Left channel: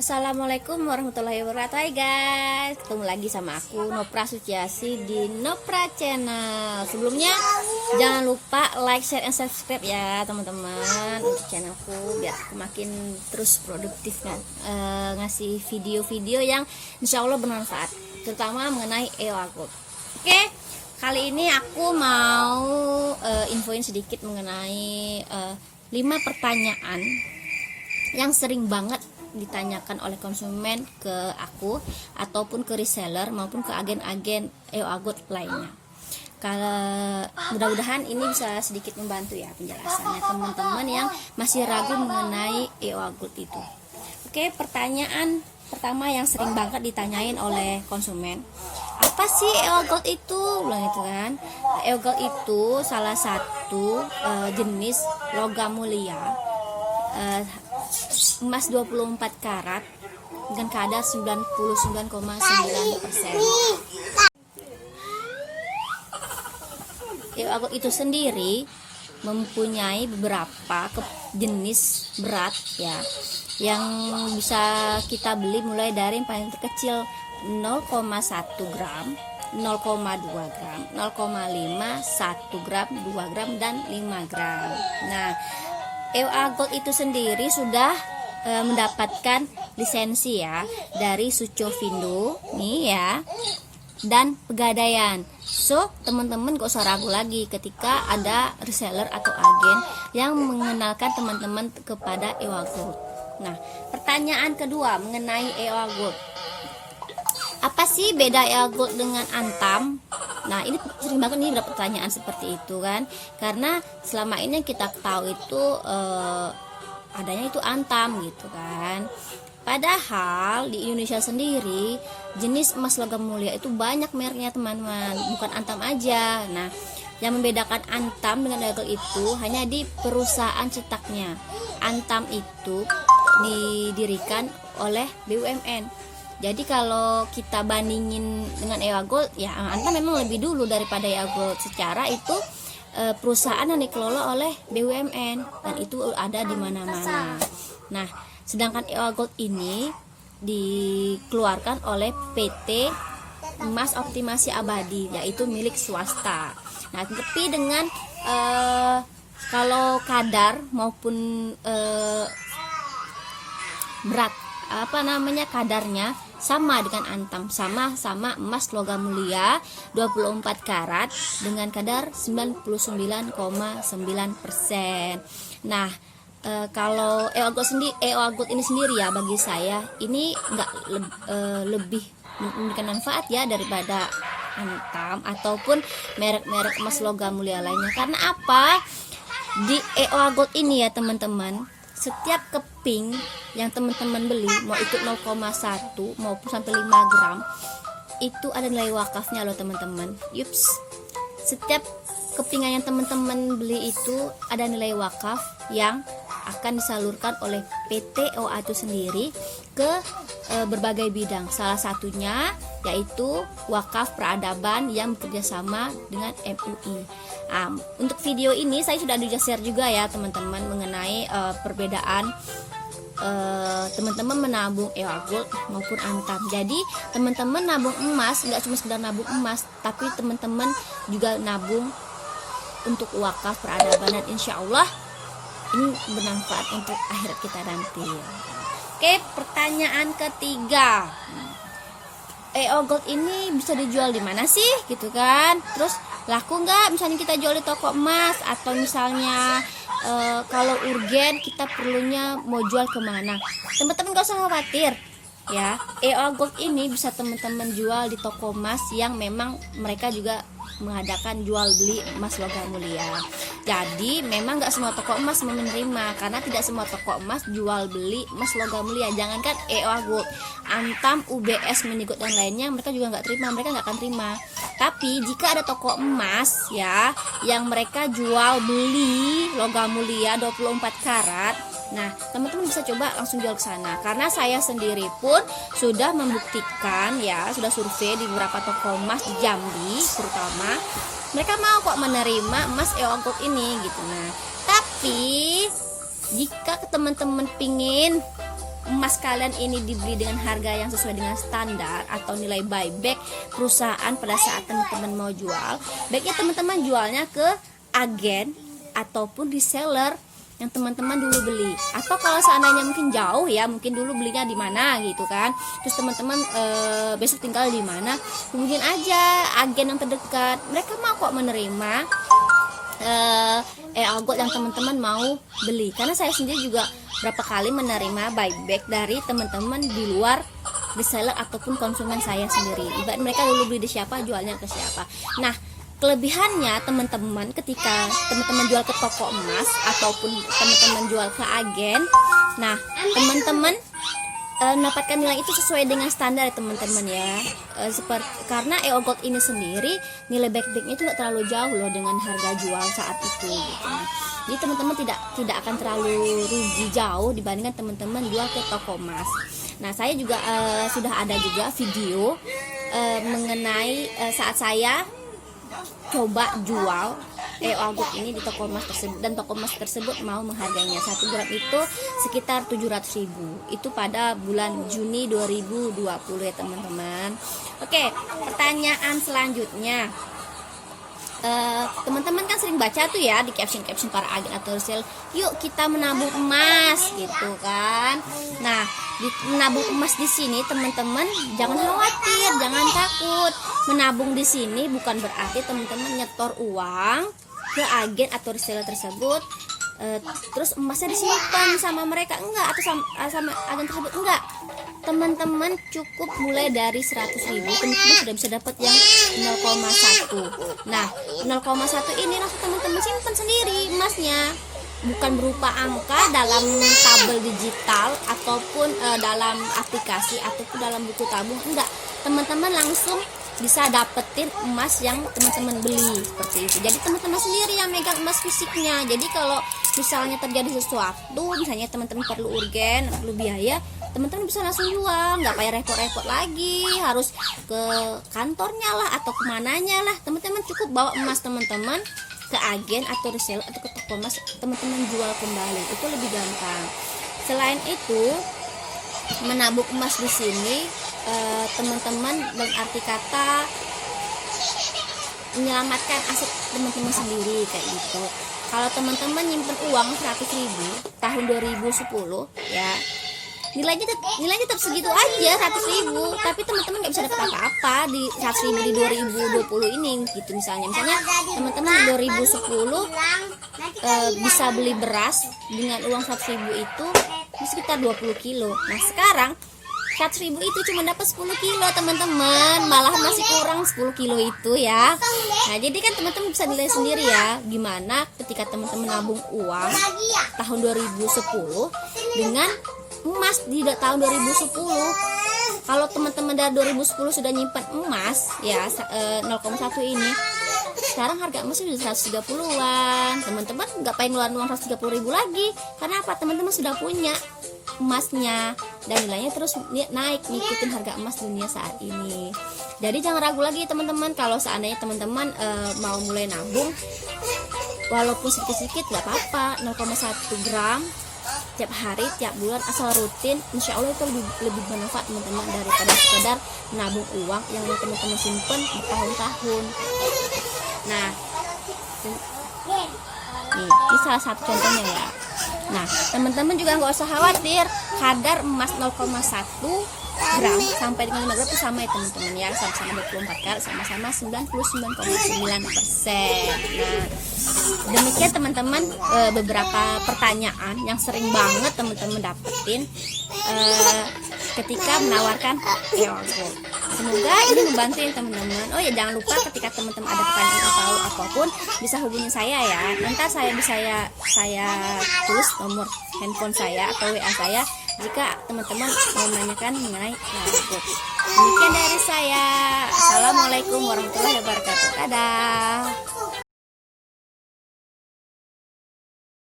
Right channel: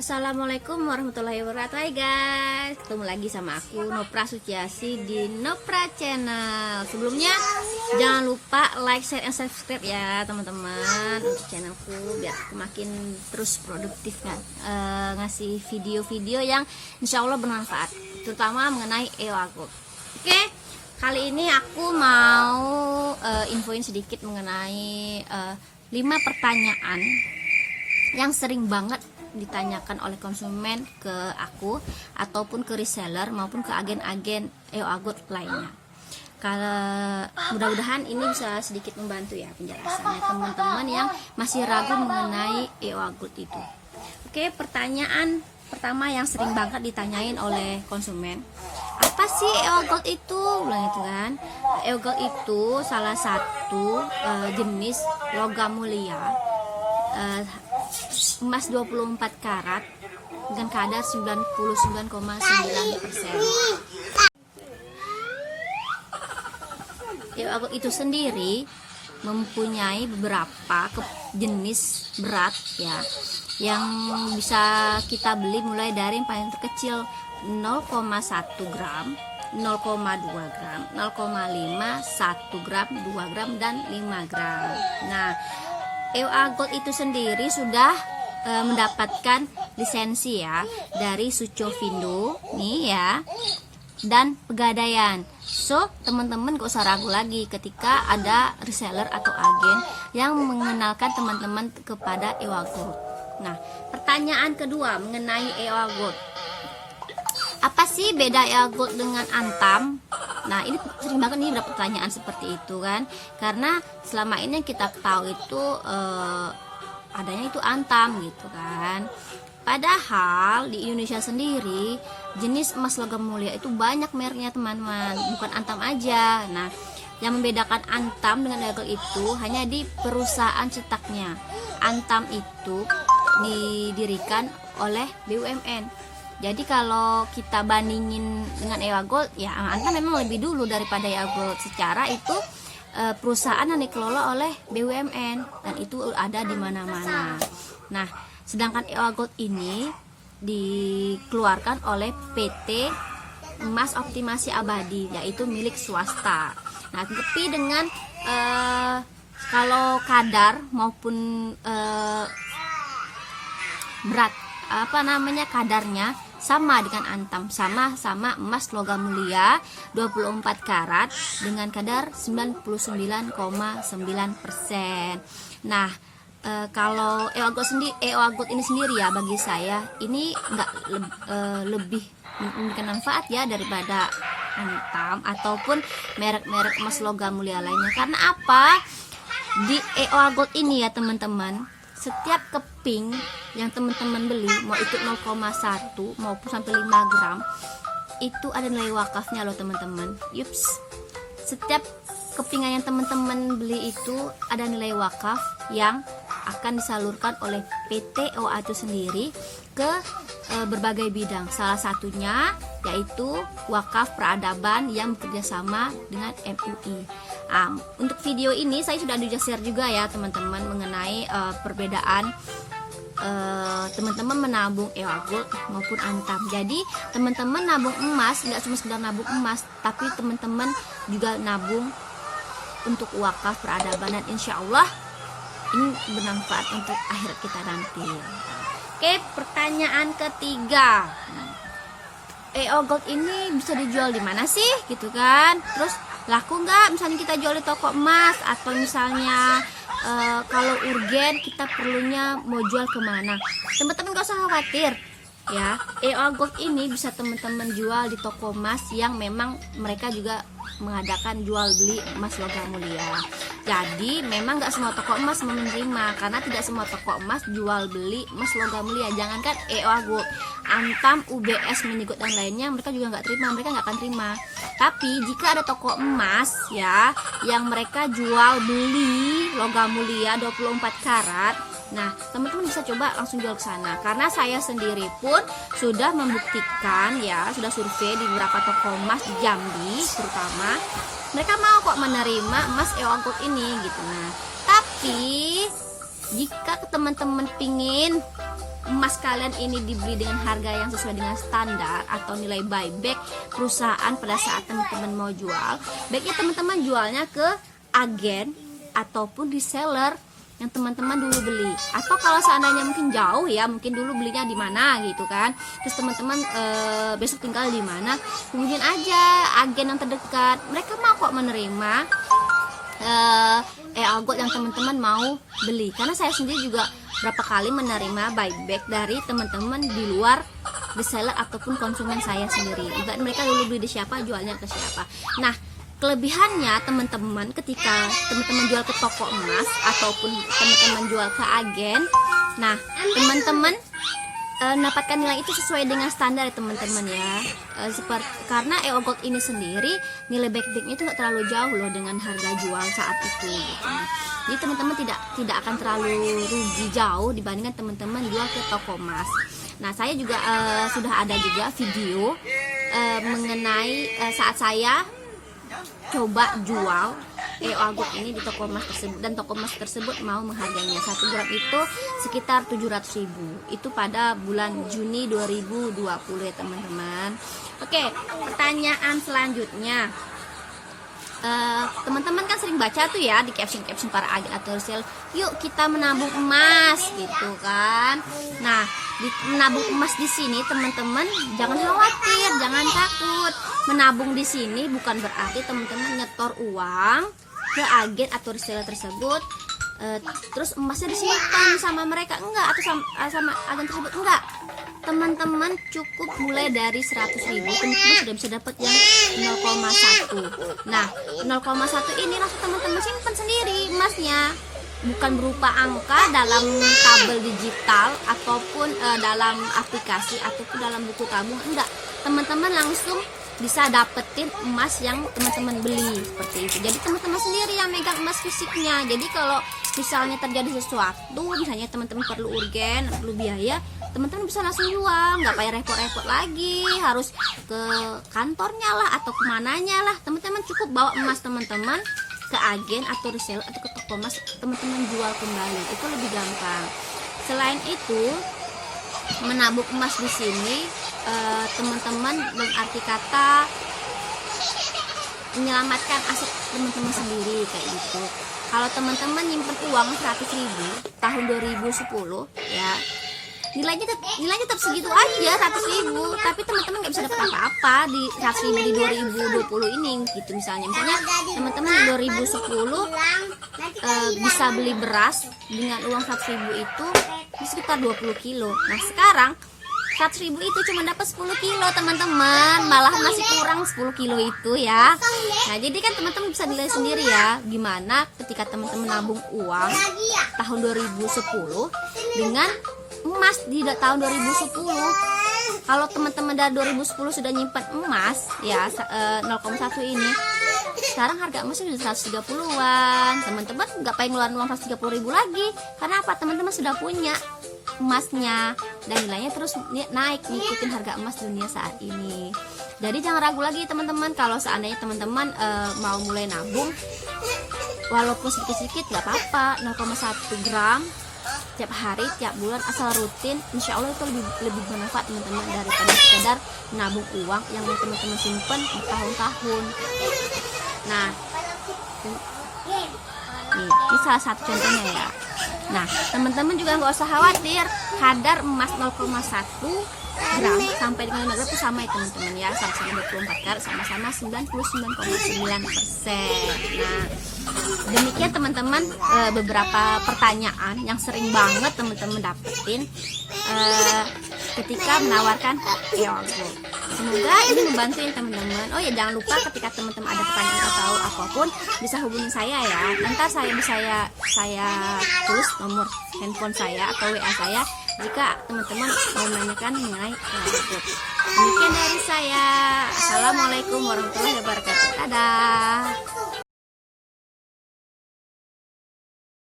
Assalamualaikum warahmatullahi wabarakatuh. Hai guys, ketemu lagi sama aku Nopra Suciasi di Nopra Channel. Sebelumnya jangan lupa like, share, and subscribe ya teman-teman untuk channelku biar aku makin terus produktif ngasih video-video yang insya Allah bermanfaat, terutama mengenai EOA Gold. Oke, kali ini aku mau infoin sedikit mengenai 5 pertanyaan yang sering banget ditanyakan oleh konsumen ke aku ataupun ke reseller maupun ke agen-agen EOA Gold lainnya. Mudah-mudahan ini bisa sedikit membantu ya penjelasannya teman-teman yang masih ragu mengenai EOA Gold itu. Oke, pertanyaan pertama yang sering banget ditanyain oleh konsumen, apa sih EOA Gold itu? Bilang itu kan. EOA Gold itu salah satu jenis logam mulia emas 24 karat dengan kadar 99,9%. EOA Gold itu sendiri mempunyai beberapa jenis berat ya, yang bisa kita beli mulai dari yang paling terkecil 0,1 gram, 0,2 gram, 0,5, 1 gram, 2 gram, dan 5 gram. Nah, EOA Gold itu sendiri sudah mendapatkan lisensi ya dari Sucovindo nih ya, dan Pegadaian. So teman-teman gak usah ragu lagi ketika ada reseller atau agen yang mengenalkan teman-teman kepada EOA Gold. Nah, pertanyaan kedua mengenai EOA Gold, apa sih beda EOA Gold dengan Antam? Nah, ini sering banget nih pertanyaan seperti itu kan, karena selama ini yang kita tahu itu adanya itu Antam gitu kan. Padahal di Indonesia sendiri jenis emas logam mulia itu banyak mereknya teman-teman, bukan Antam aja. Nah, yang membedakan Antam dengan EOA Gold itu hanya di perusahaan cetaknya. Antam itu didirikan oleh BUMN. Jadi kalau kita bandingin dengan EOA Gold, ya Antam memang lebih dulu daripada EOA Gold. Secara itu perusahaan yang dikelola oleh BUMN dan itu ada di mana-mana. Nah, sedangkan EOA Gold ini dikeluarkan oleh PT Emas Optimasi Abadi, yaitu milik swasta. Nah, tapi dengan kalau kadar maupun berat kadarnya sama dengan Antam, sama emas logam mulia 24 karat dengan kadar 99,9%. Nah, kalau EOA Gold ini sendiri ya, bagi saya ini nggak lebih memberikan manfaat ya daripada Antam ataupun merek-merek emas logam mulia lainnya. Karena apa? Di EOA Gold ini ya teman-teman, setiap keping yang teman-teman beli, mau itu 0,1 maupun sampai 5 gram, itu ada nilai wakafnya loh teman-teman. Yups, setiap kepingan yang teman-teman beli itu ada nilai wakaf yang akan disalurkan oleh PT EOA itu sendiri ke berbagai bidang. Salah satunya yaitu wakaf peradaban yang bekerjasama dengan MUI. Untuk video ini saya sudah share juga ya teman-teman mengenai perbedaan teman-teman menabung EOA Gold maupun Antam. Jadi teman-teman nabung emas nggak cuma sekedar nabung emas, tapi teman-teman juga nabung untuk wakaf peradaban, dan insya Allah ini bermanfaat untuk akhirat kita nanti. Oke, pertanyaan ketiga, EOA Gold ini bisa dijual di mana sih gitu kan? Terus laku nggak misalnya kita jual di toko emas, atau misalnya kalau urgen kita perlunya mau jual kemana? Teman-teman gak usah khawatir ya, EOA Gold ini bisa teman-teman jual di toko emas yang memang mereka juga mengadakan jual beli emas logam mulia. Jadi memang nggak semua toko emas menerima, karena tidak semua toko emas jual beli emas logam mulia. Jangankan EOA Gold, Antam, UBS, Minigold dan lainnya mereka juga nggak terima, mereka nggak akan terima. Tapi jika ada toko emas ya yang mereka jual beli logam mulia 24 karat, nah teman-teman bisa coba langsung jual ke sana. Karena saya sendiri pun sudah membuktikan ya, sudah survei di beberapa toko emas di Jambi terutama, mereka mau kok menerima emas EOA Gold ini gitu. Nah, tapi jika teman-teman pingin emas kalian ini dibeli dengan harga yang sesuai dengan standar atau nilai buyback perusahaan pada saat teman-teman mau jual, baiknya teman-teman jualnya ke agen ataupun reseller yang teman-teman dulu beli. Atau kalau seandainya mungkin jauh ya, mungkin dulu belinya di mana gitu kan, terus teman-teman besok tinggal di mana, hubungin aja agen yang terdekat, mereka mau kok menerima algot yang teman-teman mau beli. Karena saya sendiri juga berapa kali menerima buyback dari teman-teman di luar reseller ataupun konsumen saya sendiri. Ibarat mereka dulu beli di siapa, jualnya ke siapa. Nah, kelebihannya teman-teman ketika teman-teman jual ke toko emas ataupun teman-teman jual ke agen, nah teman-teman mendapatkan nilai itu sesuai dengan standar teman-teman ya. Seperti karena algot ini sendiri nilai buybacknya itu nggak terlalu jauh loh dengan harga jual saat itu gitu. Nah, jadi teman-teman tidak akan terlalu rugi jauh dibandingkan teman-teman jual ke toko emas. Nah, saya juga sudah ada juga video mengenai saat saya coba jual algot ini di toko emas tersebut, dan toko emas tersebut mau menghargainya 1 gram itu sekitar 700.000. Itu pada bulan Juni 2020 ya teman-teman. Oke, pertanyaan selanjutnya, teman-teman kan sering baca tuh ya di caption para agen atau resell, yuk kita menabung emas gitu kan. Nah, di menabung emas di sini teman-teman jangan khawatir, jangan takut. Menabung di sini bukan berarti teman-teman nyetor uang ke agen atau reseller tersebut terus emasnya disimpan sama mereka, enggak, atau sama agen tersebut, enggak. Teman-teman cukup mulai dari 100.000 teman-teman sudah bisa dapat yang 0,1. Nah, 0,1 ini langsung teman-teman simpan sendiri emasnya, bukan berupa angka dalam tabel digital ataupun dalam aplikasi ataupun dalam buku tabung, enggak. Teman-teman langsung bisa dapetin emas yang teman-teman beli seperti itu. Jadi teman-teman sendiri yang megang emas fisiknya. Jadi kalau misalnya terjadi sesuatu, misalnya teman-teman perlu urgen, perlu biaya, teman-teman bisa langsung jual, nggak payah repot-repot lagi harus ke kantornya lah atau kemananya lah. Teman-teman cukup bawa emas teman-teman ke agen atau reseller atau ke toko emas, teman-teman jual kembali, itu lebih gampang. Selain itu, menabung emas di sini teman-teman dengan arti kata menyelamatkan aset teman-teman sendiri kayak gitu. Kalau teman-teman nyimpen uang 100.000 tahun 2010 ya, nilainya tetap segitu aja 100.000, tapi teman-teman nggak bisa dapat apa-apa di 100.000 di 2020 ini gitu. Misalnya teman-teman 2010 bisa beli beras dengan uang 100.000 itu sekitar 20 kilo. Nah, sekarang 100.000 itu cuma dapat 10 kilo teman-teman, malah masih kurang 10 kilo itu ya. Nah, jadi kan teman-teman bisa nilai sendiri ya gimana ketika teman-teman nabung uang tahun 2010 dengan emas di tahun 2010. Kalau teman-teman dari 2010 sudah nyimpan emas ya 0,1 ini, sekarang harga emasnya sudah 130-an. Teman-teman nggak pengen ngeluarin uang 130.000 lagi. Karena apa? Teman-teman sudah punya emasnya dan nilainya terus naik ngikutin harga emas dunia saat ini. Jadi jangan ragu lagi teman-teman, kalau seandainya teman-teman mau mulai nabung walaupun sedikit-sedikit nggak apa-apa, 0,1 gram tiap hari, tiap bulan, asal rutin, insya Allah itu lebih bermanfaat teman-teman daripada sekedar menabung uang yang teman-teman simpen bertahun-tahun. Nah, ini salah satu contohnya ya. Nah, teman-teman juga nggak usah khawatir, kadar emas 0,1 gram sampai dengan 5 gram itu sama ya teman-teman ya, sama-sama 24 karat, sama-sama 99,9%. Nah, demikian teman-teman beberapa pertanyaan yang sering banget teman-teman dapetin ketika menawarkan algot. Semoga ini membantu ya teman-teman. Oh ya, jangan lupa ketika teman-teman ada pertanyaan atau apapun bisa hubungi saya ya. Nanti saya tulis nomor handphone saya atau WA saya jika teman-teman mau menanyakan mengenai algot. Demikian dari saya. Assalamualaikum warahmatullahi wabarakatuh. Dadah.